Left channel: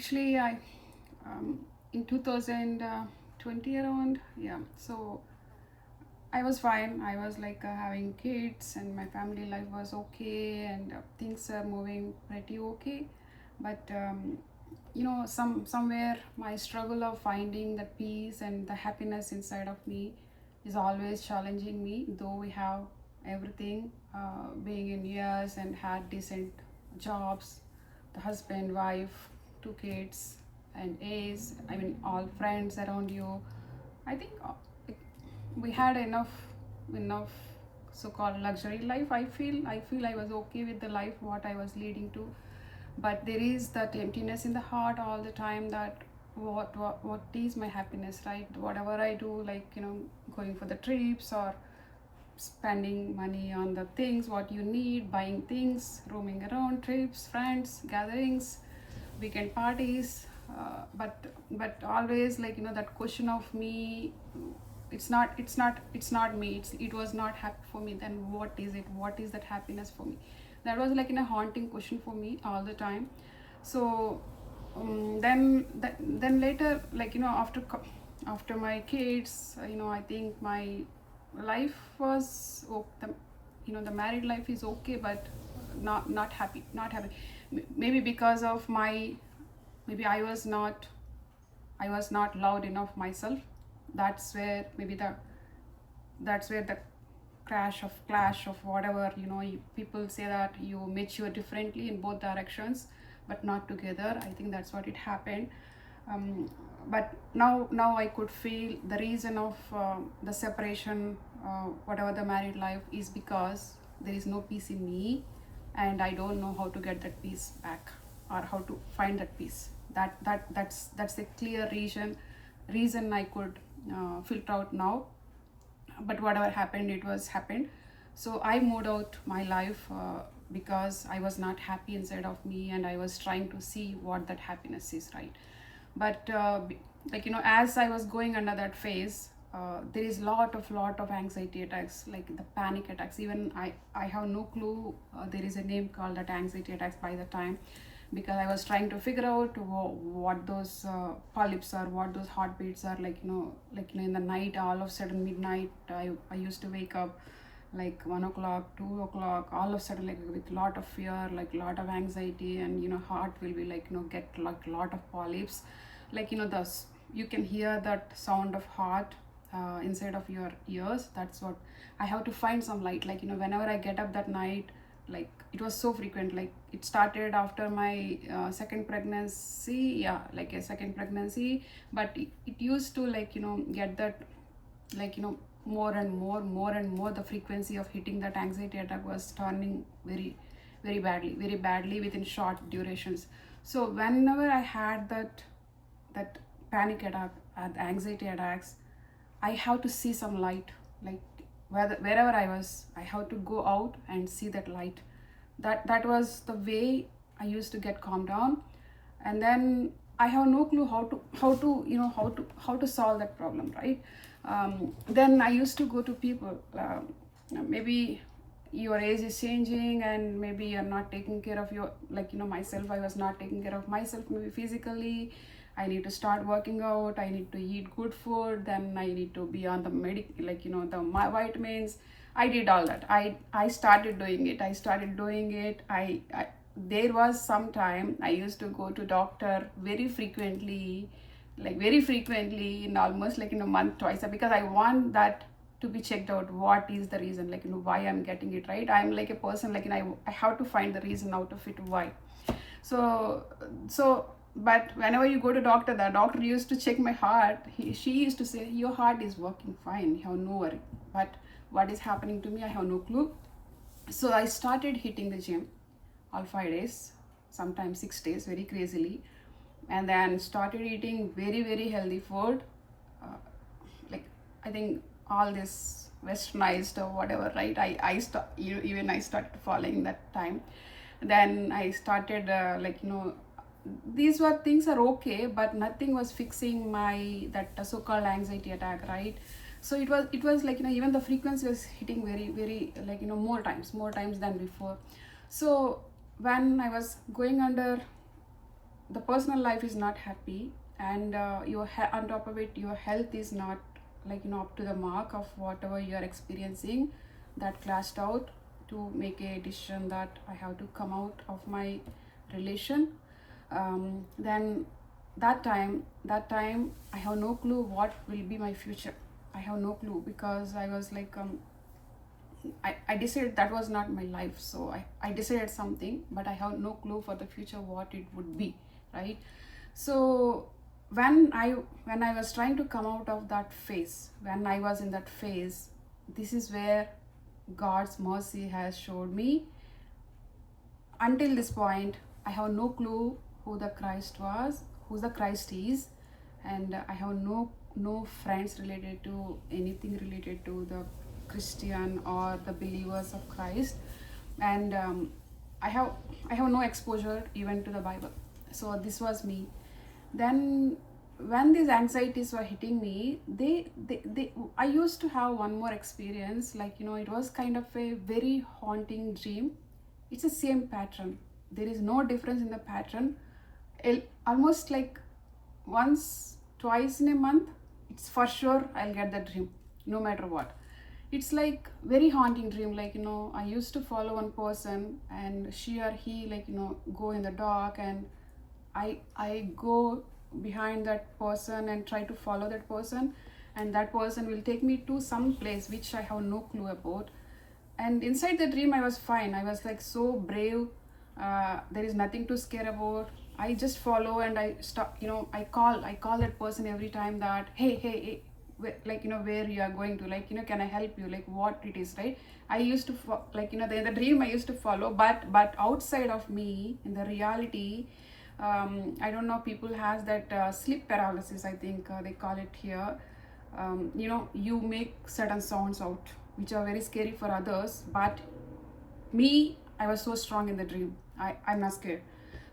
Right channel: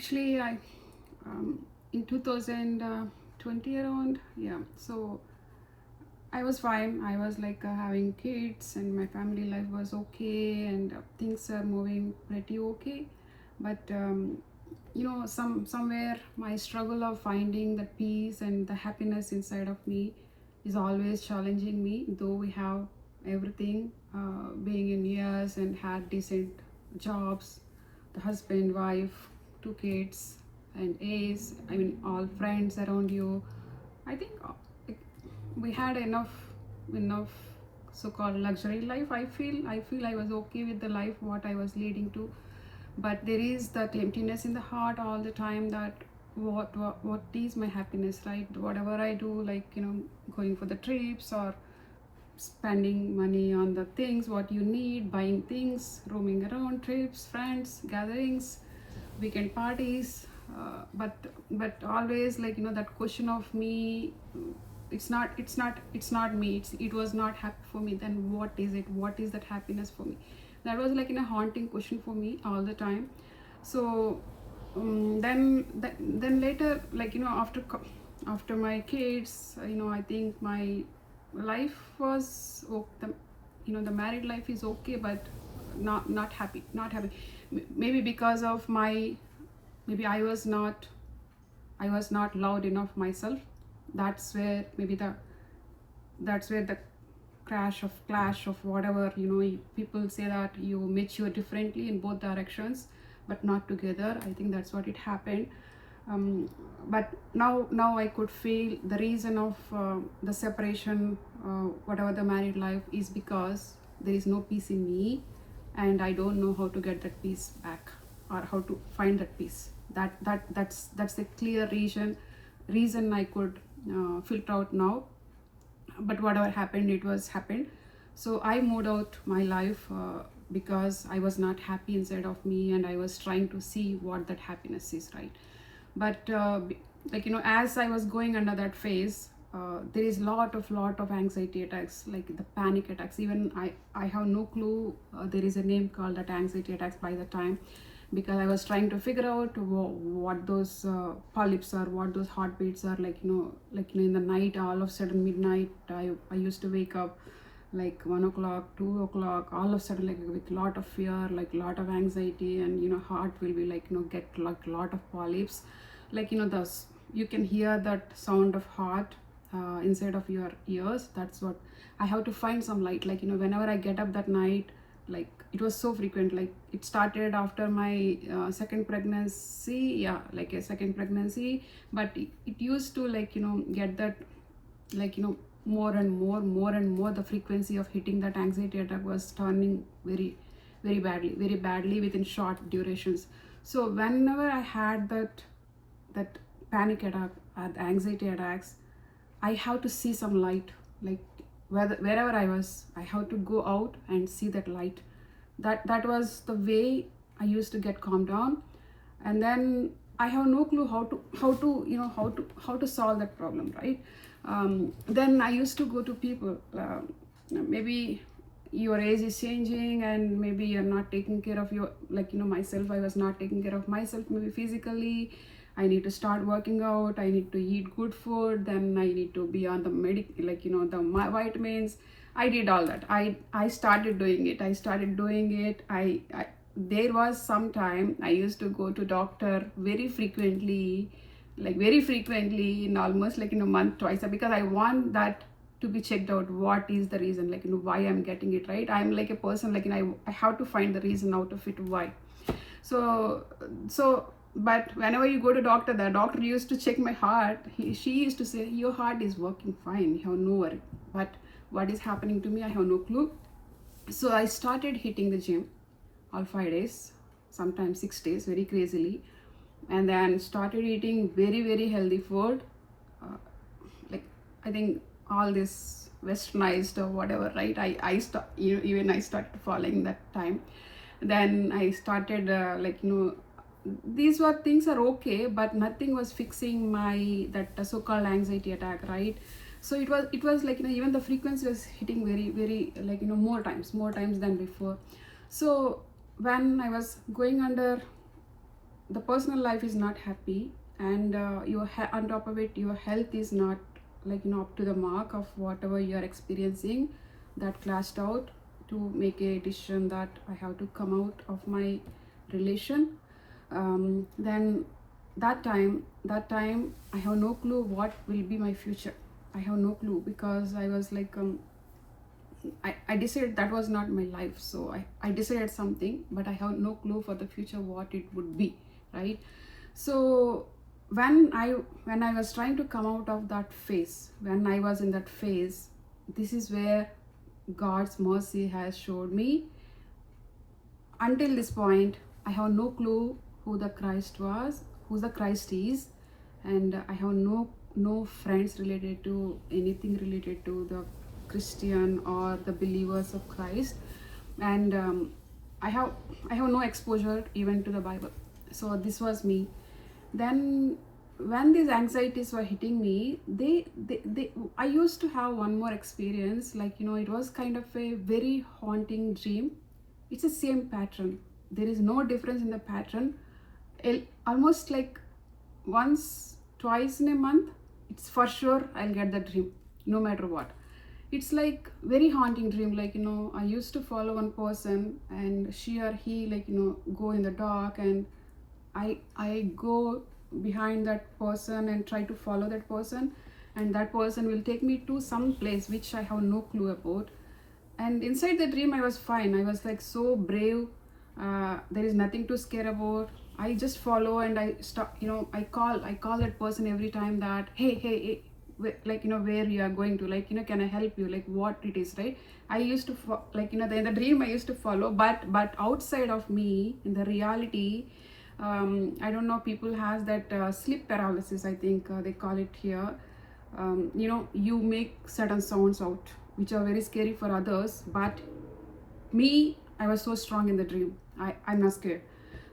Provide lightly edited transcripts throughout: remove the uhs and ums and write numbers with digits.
Actually, I in 2020 around, yeah. So I was fine. I was like having kids, and my family life was okay, and things are moving pretty okay. But somewhere my struggle of finding the peace and the happiness inside of me is always challenging me. Though we have everything, being in years and had decent jobs, the husband, wife, two kids, and A's. I mean, all friends around you. I think we had enough so-called luxury life. I feel I was okay with the life what I was leading to, but there is that emptiness in the heart all the time. That what is my happiness, right? Whatever I do, like going for the trips or spending money on the things what you need, buying things, roaming around, trips, friends, gatherings, weekend parties, but always that question of me. It's not me. It was not happy for me. Then what is it? What is that happiness for me? That was like in a haunting question for me all the time. So then later, after my kids, I think my life was the married life is okay, but not happy, not happy. Maybe because of my, maybe I was not loud enough myself. That's where maybe the clash of whatever, people say that you mature differently in both directions but not together. I think that's what it happened. But now I could feel the reason of the separation, whatever the married life, is because there is no peace in me, and I don't know how to get that peace back, or how to find that peace. That's a clear reason I could filter out now. But whatever happened, it was happened. So I moved out my life, because I was not happy inside of me, and I was trying to see what that happiness is, right? But as I was going under that phase, there is lot of anxiety attacks, like the panic attacks. Even I have no clue, there is a name called that anxiety attacks by the time, because I was trying to figure out what those polyps are, what those heartbeats are, in the night. All of a sudden midnight, I used to wake up like 1 o'clock, 2 o'clock, all of a sudden, like with lot of fear, like lot of anxiety, and heart will be get like lot of polyps, thus you can hear that sound of heart inside of your ears. That's what I have to find some light, whenever I get up that night. Like it was so frequent. Like it started after my second pregnancy, yeah, like a second pregnancy. But it used to get that, more and more the frequency of hitting that anxiety attack was turning very very badly within short durations. So whenever I had that panic attack, anxiety attacks, I have to see some light. Like wherever I was, I have to go out and see that light. That was the way I used to get calmed down. And then I have no clue how to solve that problem, right? Then I used to go to people. Maybe your age is changing, and maybe you're not taking care of your, myself. I was not taking care of myself, maybe physically. I need to start working out, I need to eat good food, then I need to be on the the vitamins. I did all that. I started doing it. I there was some time I used to go to doctor very frequently, in almost in a month, twice, because I want that to be checked out. What is the reason, why I'm getting it, right? I'm like a person, I have to find the reason out of it, why. So but whenever you go to doctor, the doctor used to check my heart. She used to say, your heart is working fine, you have no worry. But what is happening to me, I have no clue. So I started hitting the gym all 5 days, sometimes 6 days, very crazily. And then started eating very healthy food. uh, like I think all this westernized or whatever, right? Even I started following that time. Then I started these were things are okay, but nothing was fixing my that so-called anxiety attack, right? So it was even the frequency was hitting very more times than before. So when I was going under the personal life is not happy, and on top of it your health is not up to the mark of whatever you are experiencing, that clashed out to make a decision that I have to come out of my relation. Then that time I have no clue what will be my future. I have no clue, because I was I decided that was not my life. So I decided something, but I have no clue for the future what it would be, right? So when I was trying to come out of that phase, when I was in that phase, this is where God's mercy has showed me. Until this point, I have no clue who the Christ is, and I have no friends related to anything related to the Christian or the believers of Christ, and I have no exposure even to the Bible. So this was me. Then when these anxieties were hitting me, I used to have one more experience. It was kind of a very haunting dream. It's the same pattern. There is no difference in the pattern. Almost like once, twice in a month, it's for sure I'll get the dream, no matter what. It's like very haunting dream. I used to follow one person, and she or he go in the dark, and I go behind that person and try to follow that person, and that person will take me to some place which I have no clue about. And inside the dream I was fine. I was so brave. There is nothing to scare about. I just follow, and I stop. I call that person every time that hey, where you are going to, can I help you, what it is, right? I used to in the dream I used to follow, but outside of me, in the reality, I don't know, people has that sleep paralysis, I think they call it here. You make certain sounds out which are very scary for others, but me, I was so strong in the dream. I'm not scared.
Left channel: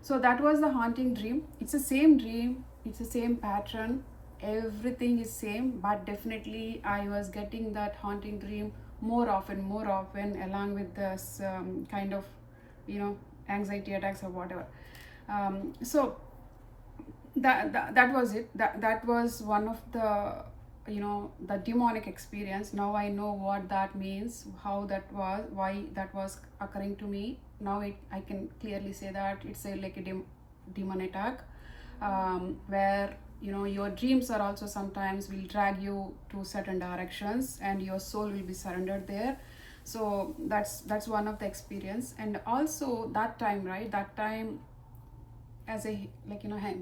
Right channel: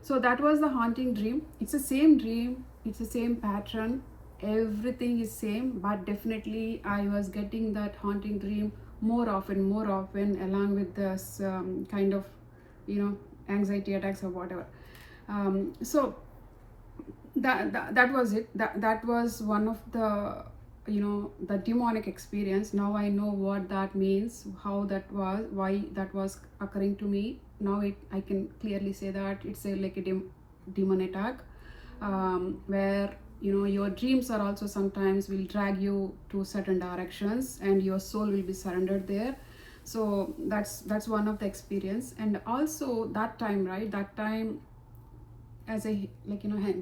So that was the haunting dream. It's the same dream, it's the same pattern, everything is same, but definitely I was getting that haunting dream more often, along with this kind of anxiety attacks or whatever. So that was it. That was one of the demonic experience. Now I know what that means, how that was, why that was occurring to me. Now I can clearly say that it's a demon attack, where your dreams are also sometimes will drag you to certain directions, and your soul will be surrendered there. So that's one of the experience. And also that time, as a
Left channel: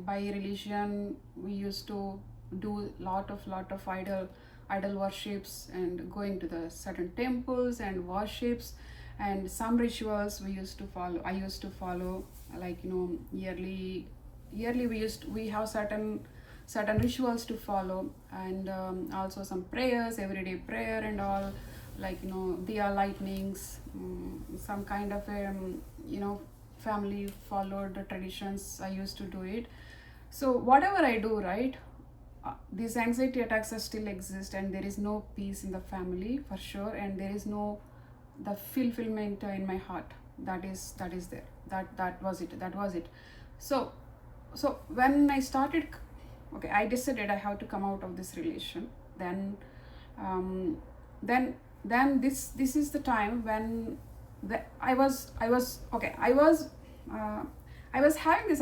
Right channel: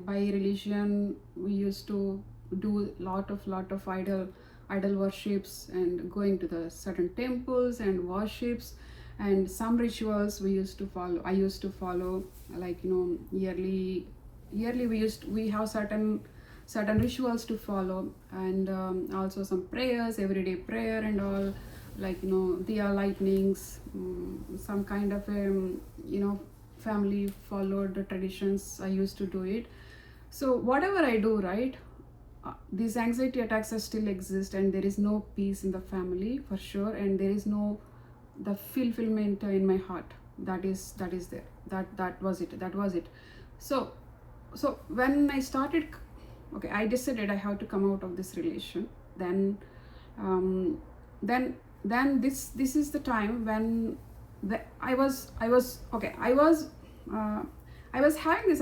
by religion, we used to do lot of idol worships, and going to the certain temples and worships, and some rituals I used to follow, yearly we have certain rituals to follow, and also some prayers, everyday prayer and all, diya lightnings, some kind of family followed the traditions. I used to do it. So whatever I do, right, these anxiety attacks still exist, and there is no peace in the family for sure, and there is no the fulfillment in my heart. That is there. That was it. So when I started, okay, I decided I have to come out of this relation. Then this is the time when I was having this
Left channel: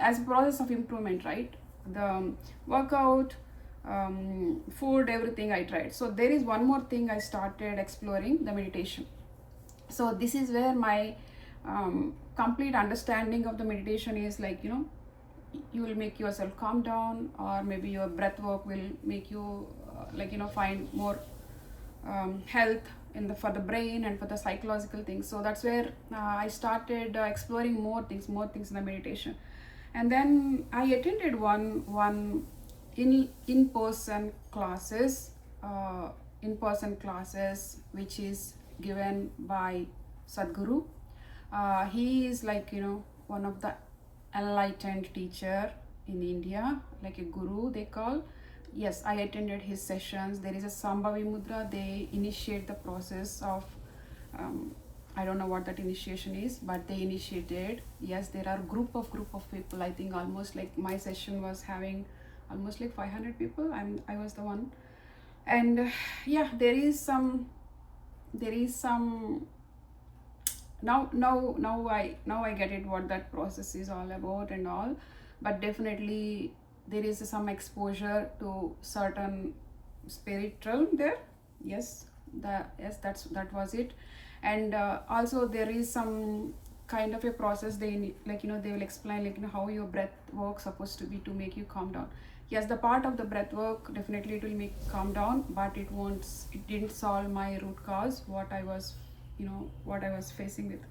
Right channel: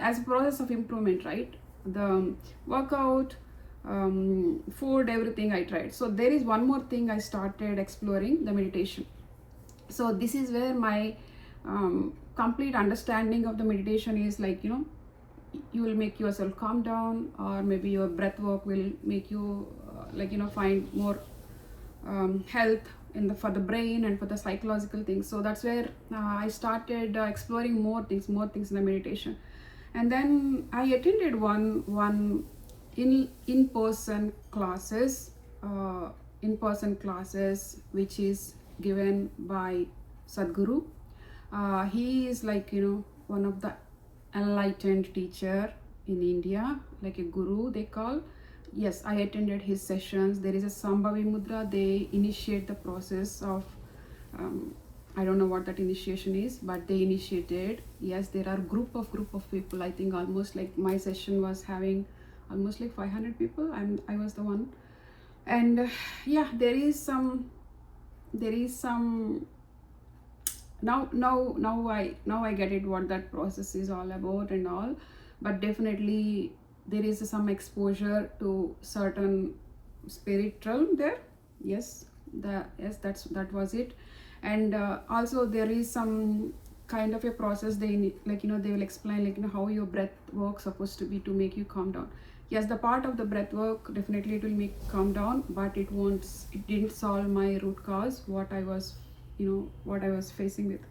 as a process of improvement, right? The workout, food, everything I tried. So there is one more thing I started exploring, the meditation. So this is where my complete understanding of the meditation is you will make yourself calm down, or maybe your breath work will make you find more health for the brain and for the psychological things. So that's where I started exploring more things in the meditation. And then I attended one in-person classes, which is given by Sadhguru. He is one of the enlightened teacher in India, like a guru they call. Yes, I attended his sessions. There is a Sambhavi Mudra. They initiate the process of I don't know what that initiation is, but they initiated. Yes, there are group of people. I think almost like my session was having almost like 500 people. I was the one, and yeah, there is some now I get it what that process is all about and all. But definitely there is some exposure to certain spirit realm there. Yes, that was it. And also there is some kind of a process like they will explain like how your breath work supposed to be to make you calm down. Yes, the part of the breath work definitely it will make calm down, but it didn't solve my root cause, what I was facing with.